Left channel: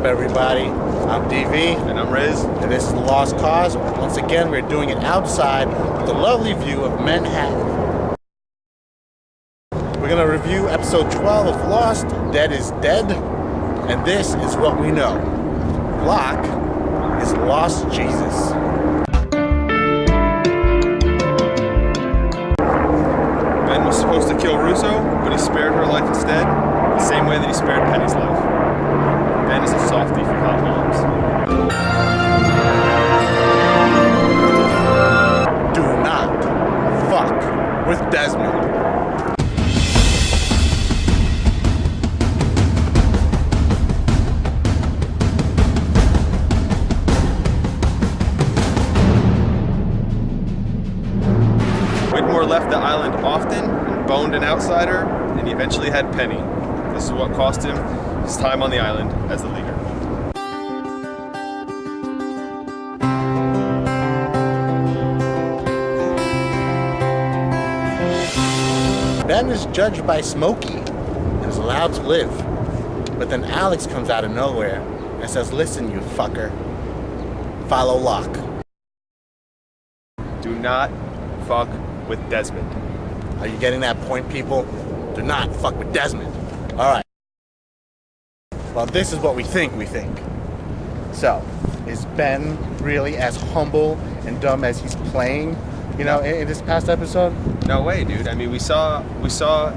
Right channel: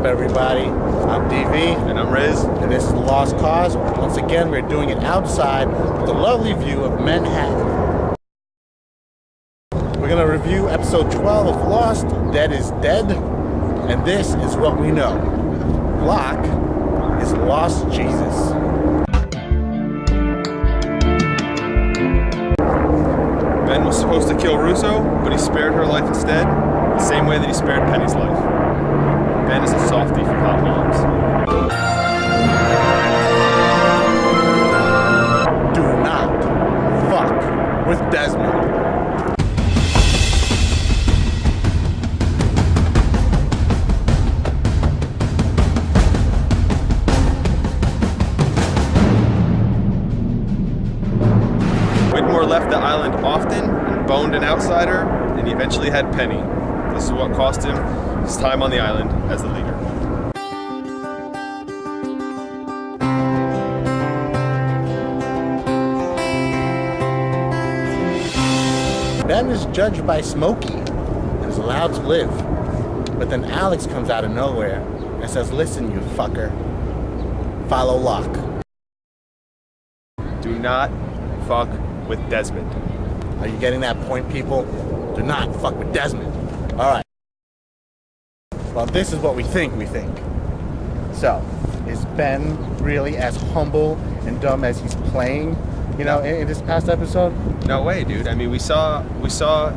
up, everybody? I'm DV. And I'm RIZ. And this is The Lost Cause. Once again, we're doing it outside with a lovely view of Manhattan. We're going to review episode 12 of Lost, Dead is Dead. And this is what we know. Locke is lost Jesus. Ben was supposed to kill Russo, but he spared her life instead, the same way that he spared Penny's life. Ben is a softie for hot moms. Do not fuck with Desmond. Whitmore left the island often and boned an outsider, and he eventually had Penny. This is what cost him his time on the island as the leader. Ben is judged by Smokey and is allowed to live. But then Alex comes out of nowhere and says, "Listen, you fucker, follow Locke." Do not fuck with Desmond. Are you getting that point, people? Do not fuck with Desmond. All right. Well, this is what we think. So, is Ben really as humble and dumb as he's playing, in this past episode? No way, dude. I mean, we saw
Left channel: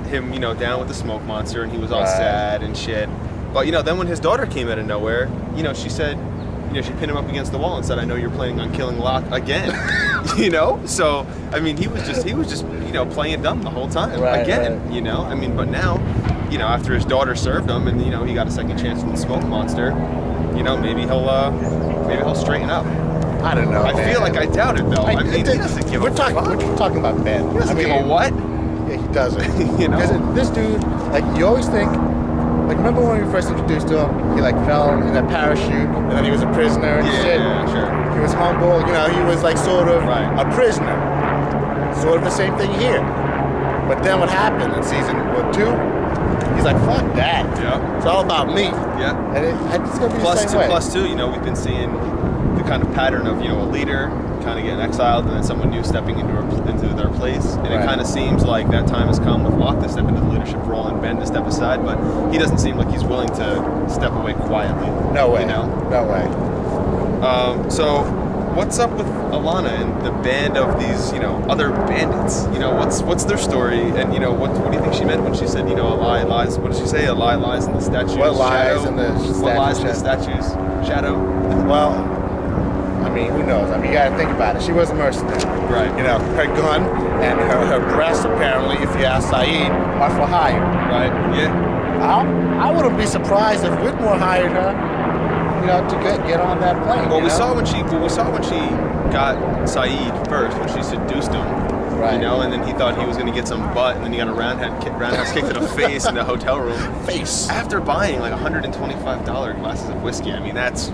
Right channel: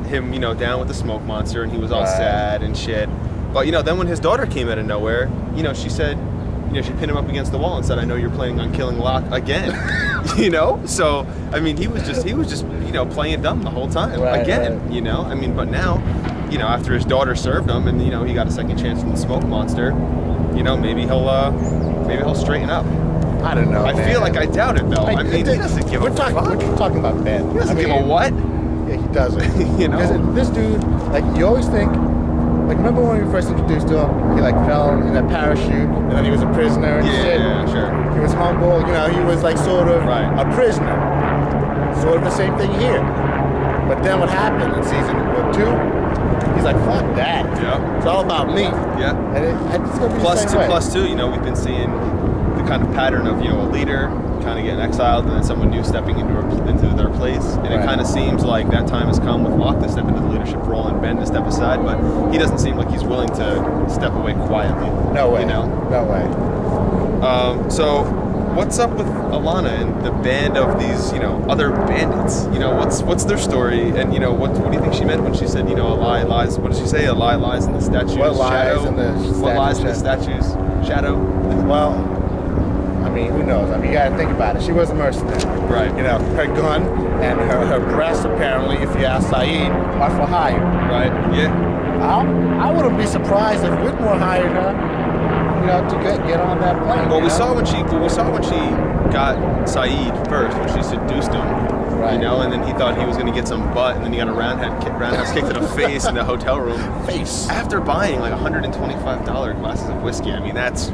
him, down with the smoke monster, and he was all sad and shit. But, then when his daughter came out of nowhere, she said, she pinned him up against the wall and said, "I know you're planning on killing Locke again." So I mean, he was just playing dumb the whole time again. Right. I mean, but now, after his daughter served him and he got a second chance from the smoke monster, maybe he'll straighten up. I don't know. I feel like I doubt it though. I mean, he doesn't give a fuck. We're talking about Ben. He doesn't give a what? Yeah, he doesn't. Because this dude, you always think. Remember when we first introduced to him, he fell in a parachute, and then he was a prisoner and shit? Yeah, sure. He was humble, he was sort of a prisoner. Sort of the same thing here. But then what happened in season 2? He's like, fuck that. Yeah. It's all about me. Yeah. And it's going to be the same way. Plus two, we've been seeing the kind of pattern of, a leader kind of getting exiled and then someone new stepping into their place. And it kind of seems like that time has come with Locke to step into the leadership role and Ben to step aside, but he doesn't seem like he's willing to step away quietly. No way. No way. So what's up with Alana and the band of these, other bandits? What's their story? And, what do you think she meant when she said, a lie lies? What did she say? A lie lies in the statue's shadow? What lies in the statue's shadow? Well, I mean, who knows? I mean, you gotta think about it. She was a mercenary. Right. Her gun and her breasts, apparently, if you ask Saeed, are for hire. Right, yeah. I wouldn't be surprised if Whitmore hired her, to get on that plane. Well, we saw when she got Saeed first, when she seduced him. Right. And then he thought he was going to get some butt, and then he got a roundhouse kick to the face in the hotel room. Face. After buying $125 glasses of whiskey. I mean, that's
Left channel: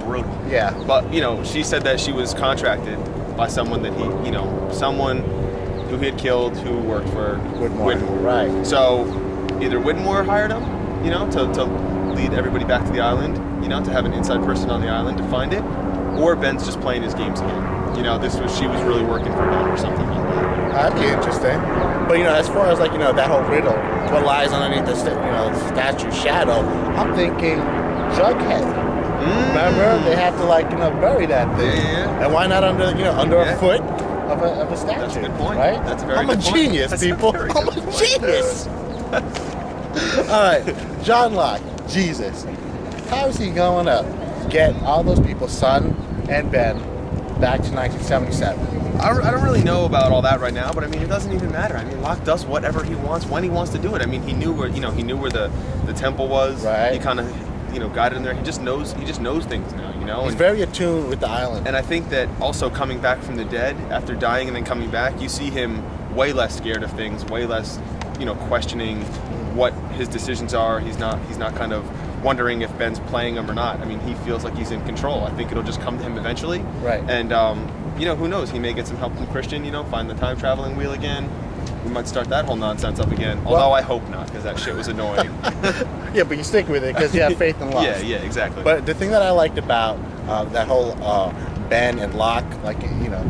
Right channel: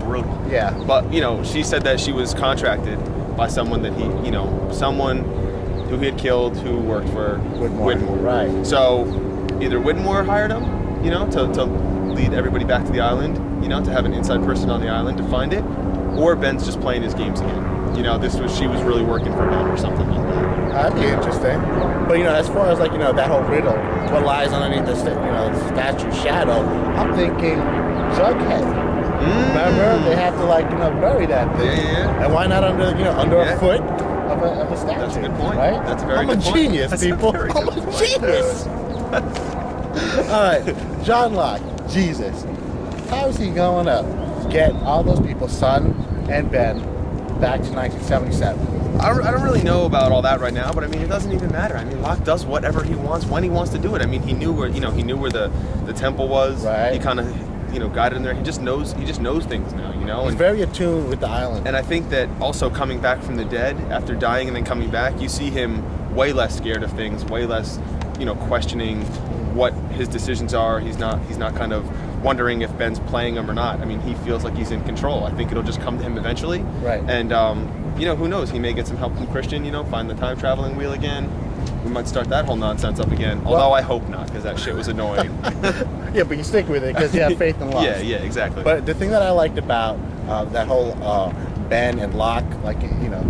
brutal. Yeah. But, she said that she was contracted by someone that someone who he had killed who worked for Whitmore. Right. So either Whitmore hired him, to lead everybody back to the island, to have an inside person on the island to find it, or Ben's just playing his games again. She was really working for Ben or something like that. That'd be interesting. But, as far as, that whole riddle, what lies underneath the statue's shadow, I'm thinking Jughead. Remember, they have to bury that thing. Yeah. And why not under a foot of a statue? That's a good point. Right? That's a very I'm good a point. genius, That's people. I'm a genius. All right, John Locke, Jesus. How is he going to get all those people, Son and Ben, back to 1977? I don't really know about all that right now, but I mean, it doesn't even matter. I mean, Locke does whatever he wants when he wants to do it. I mean, he knew where the temple was. Right. He kind of got in there. He just knows things now, He's very attuned with the island. And I think that also coming back from the dead after dying and then coming back, you see him way less scared of things, way less, questioning what his decisions are. He's not kind of wondering if Ben's playing him or not. I mean, he feels like he's in control. I think it'll just come to him eventually. Right. And who knows? He may get some help from Christian. Find the time traveling wheel again. we might start that whole nonsense up again. Although I hope not, because that shit was annoying. Yeah, but you stick with it because you have faith in Lost. Yeah, exactly. But the thing that I liked about that whole Ben and Locke, like, you know,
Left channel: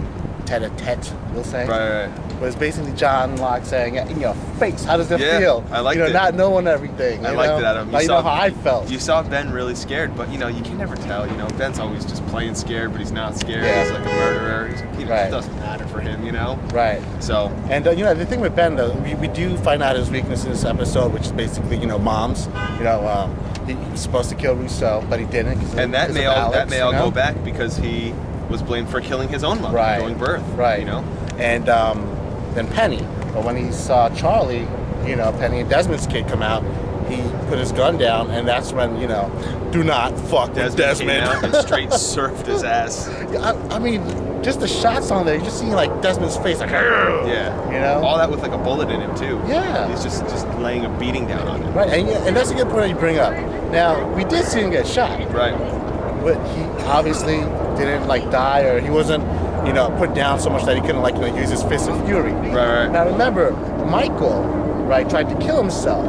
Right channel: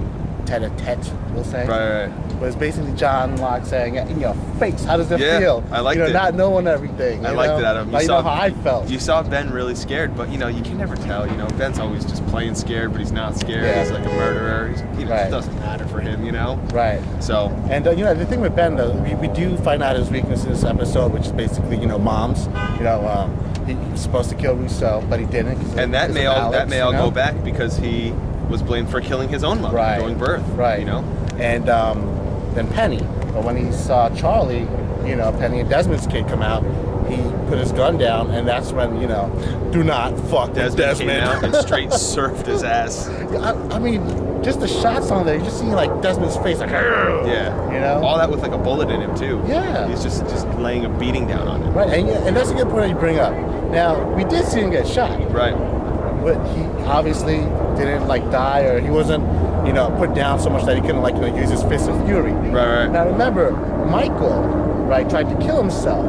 tete-a-tete, we'll say. Right. Was basically John Locke saying, in your face, how does it feel? I liked it. it. Not knowing everything. I liked it, Adam. You know how I felt. You saw Ben really scared, but, you know, you can never tell. You know, Ben's always just playing scared, but he's not scared. Yeah. He's like a murderer. It doesn't matter for him, you know? Right. So. And, you know, the thing with Ben, though, we do find out his weakness in this episode, which is basically, you know, moms. You know, he was supposed to kill Rousseau, but he didn't. And that may all go back because he was blamed for killing his own mother during birth. Right. You know? And then Penny. But when he saw Charlie, you know, Penny and Desmond's kid come out, he put his gun down, and that's when, you know, do not fuck with Desmond. Came out and straight surfed his ass. I mean, just the shots on there, you're just seeing like Desmond's face, like, yeah, you know, all that with like a bullet in him too. Yeah, he's just laying a beating down on him. Right, and that's a good point that you bring up. Now, we did see him get shot. Right. But he obviously didn't like die, or he wasn't, you know, put down so much that he couldn't, like, you know, use his fist of fury. Right. Now remember, Michael, right, tried to kill himself,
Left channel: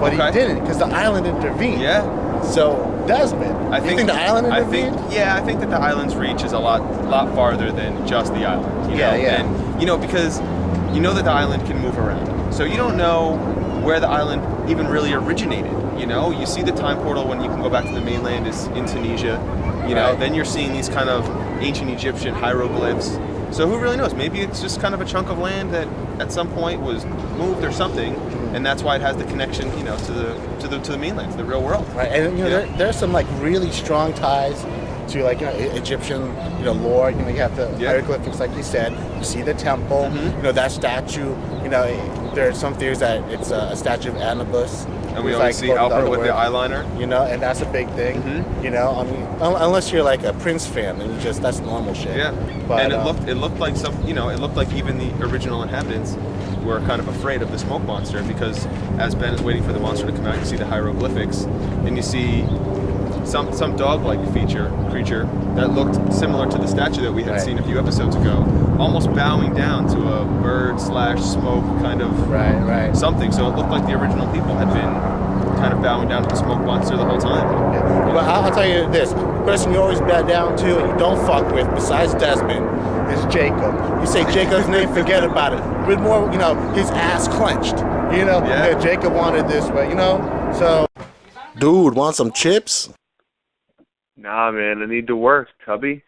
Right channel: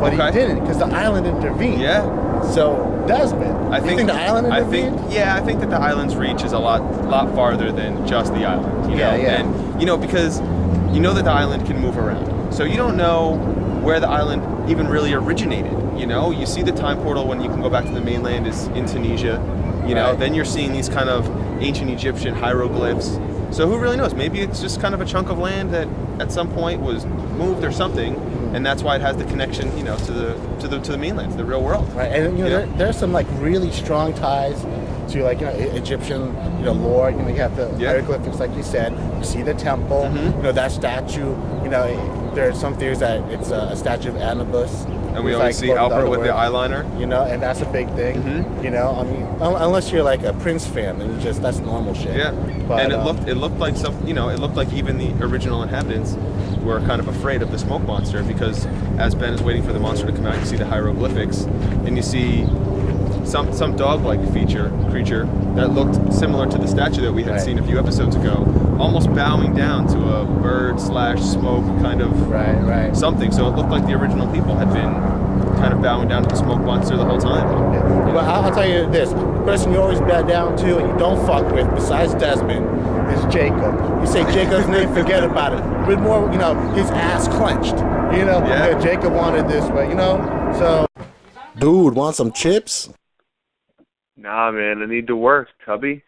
but he didn't because the island intervened. Yeah. So Desmond, I think the island intervened. I think that the island's reach is a lot farther than just the island. You know? And you know, because you know that the island can move around, so you don't know where the island even really originated. You know, you see the time portal when you can go back to the mainland is in Tunisia. You know, then you're seeing these kind of ancient Egyptian hieroglyphs. So who really knows? Maybe it's just kind of a chunk of land that at some point was moved or something, and that's why it has the connection, you know, to the mainland, to the real world. Right, and you know, there's some like really strong ties to, like, you know, Egyptian, you know, lore. You know, you have the hieroglyphics, like you said. You see the temple. You know, that statue. You know, there are some theories that it's a statue of Anubis. And we always see Albert with the eyeliner. You know, and that's a big thing. You know, I mean, unless you're like a Prince fan, then that's normal shit. Yeah. But, and it looked like it looked like even the original inhabitants were kind of afraid of the smoke monster, because as Ben is waiting for the monster to come out, you see the hieroglyphics, and you see some dog-like creature that looked similar to the statue that we had seen a few episodes ago, almost bowing down to a bird/smoke kind of something. So it looked like the original people had been kind of bowing down to the smoke monster the whole time. Yeah. Well, I'll tell you this: the person you always bow down to and you don't fuck with, besides Desmond, is Jacob. You say Jacob's name, forget about it. With more, you know, his ass clenched. You know, Jacob wanted this way. You know, so. Dude, want some chips? Nah, man, I need to work, Tubby.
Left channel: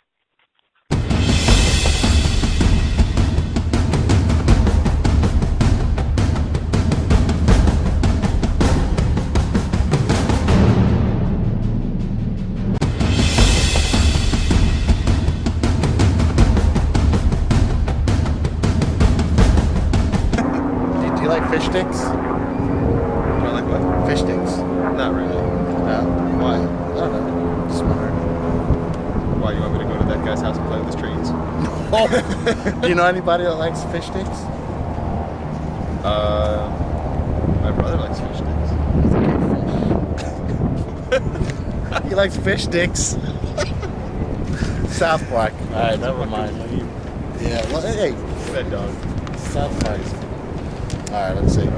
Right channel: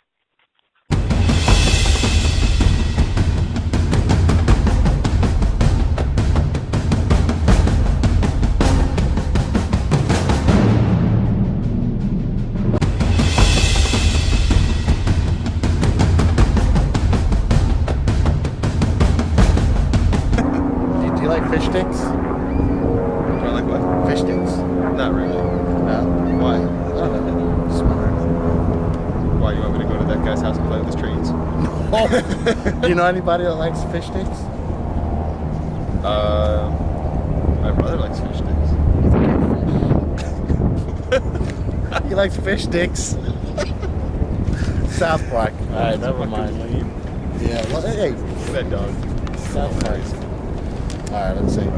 Do you like fish sticks? Do I like what? Fish sticks. Not really. No? Why? I don't know. Just wondering. Why, you want me to go to that guy's house and play with his trains? No. Do you know anybody that likes fish sticks? My brother likes fish sticks. He's a fish. He likes fish sticks. South Park. All right, never mind. Yeah, well, hey. Look at that dog. South Park. All right, let's see.